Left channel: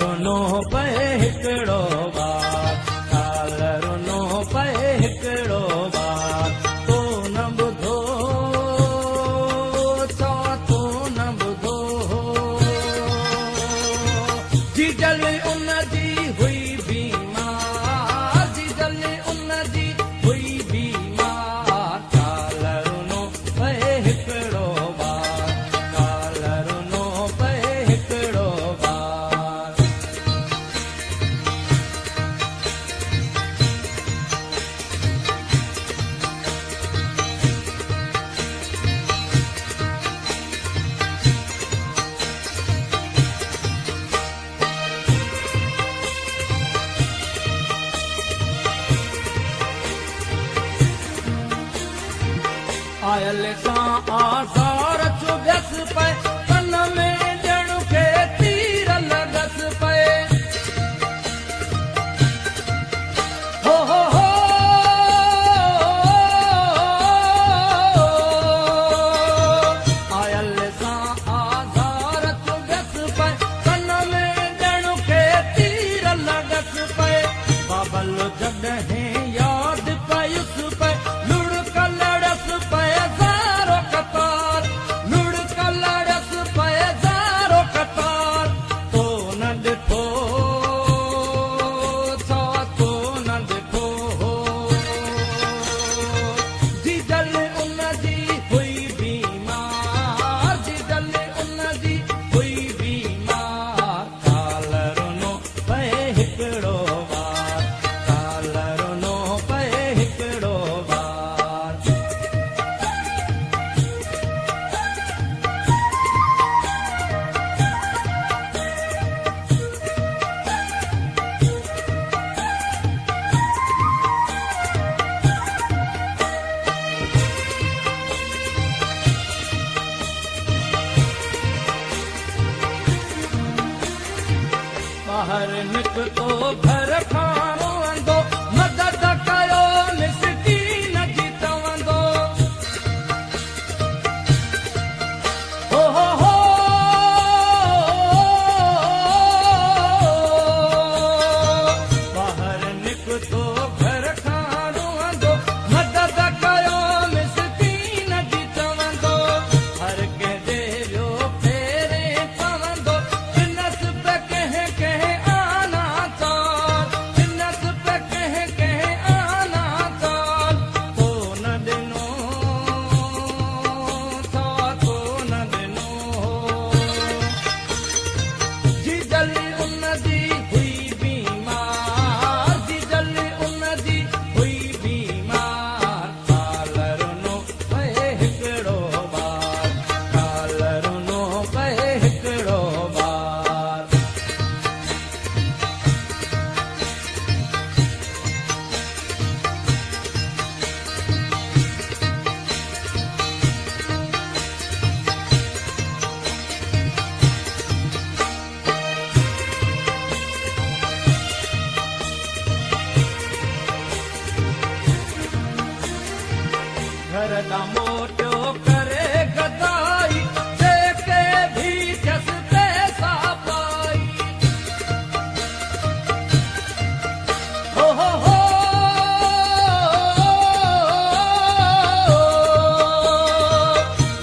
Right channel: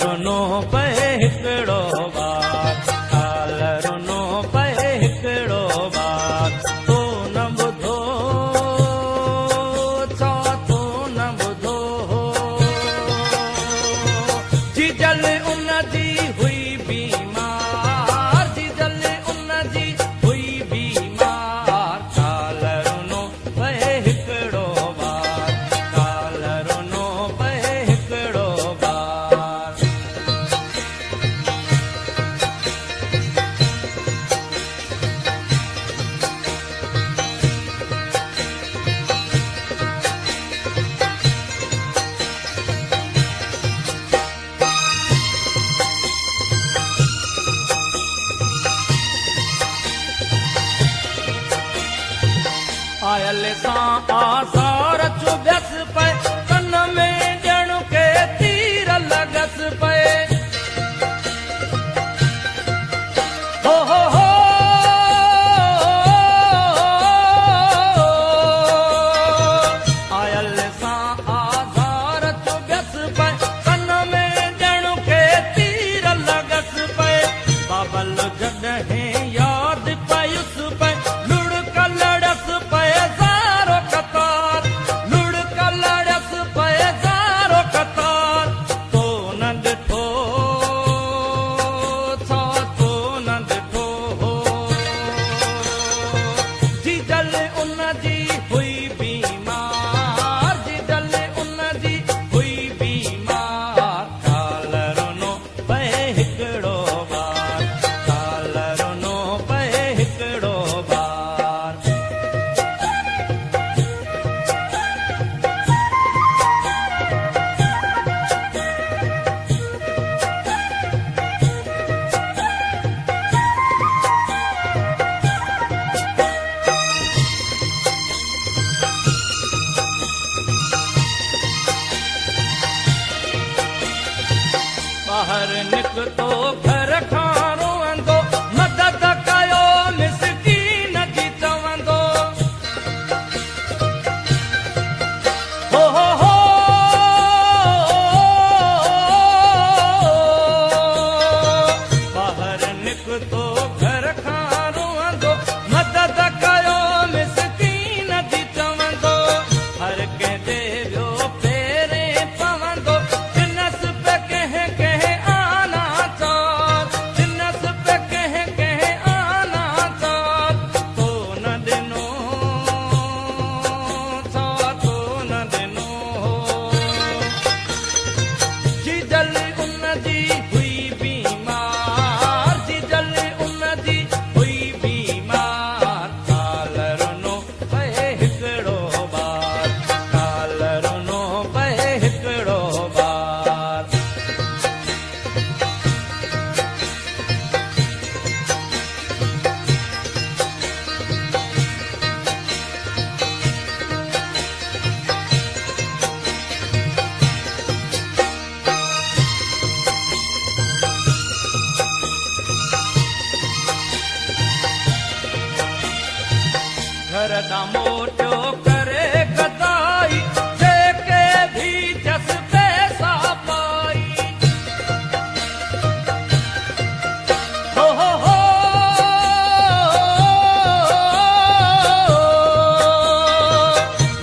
रुनो पे हिकिड़ो बार, काल रुनो पे हिकिड़ो बार, तो न ॿुधो चओ तो न ॿुधो। जीजल उन जी हुई बीमार, जीजल उन जी हुई बीमार, काल रुनो पे हिकिड़ो बार, काल रुनो पे हिकिड़ो बार। आयल सां आज़ार चुभ्यस पे, कन में ॼण खे तीर लॻस पे। हो आयल सां आज़ार चुभ्यस पे, कन में ॼण खे तीर लॻस पे। बाबल जॾहिं यादि पयुस पे, लुढ़क लड़स पे ज़ारो कतार, लुढ़क लड़स पे ज़ारो कतार, तो न ॾिठो छा तो न ॾिठो। जीजल उन जी हुई बीमार, जीजल उन जी हुई बीमार, काल रुनो पे हिकिड़ो बार, काल रुनो पे हिकिड़ो बार। ॿाहिर निकितो घर खां रोअंदो, मदद कयो मिसकीन जी चवंदो। हो ॿाहिर निकितो घर खां रोअंदो, मदद कयो मिसकीन जी चवंदो। हर कंहिं देवियो फेरे पवंदो, दिनस पे कंहिं कंहिं आना चाल, दिनस पे कंहिं कंहिं आना चाल, तो न ॾिनो छा तो न ॾिनो। जीजल उन जी हुई बीमार, जीजल उन जी हुई बीमार, काल रुनो पे हिकिड़ो बार, काल रुनो पे हिकिड़ो बार। घर ॾां मोटियो करे गदाई, जेके भी जस पैसा पाई। हो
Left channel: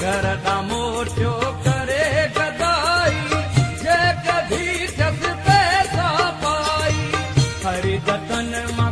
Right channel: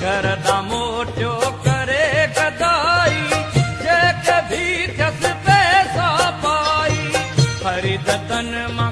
घर ॾां मोटियो करे गदाई, जेके भी जस पैसा पाई। ख़रीद तन मां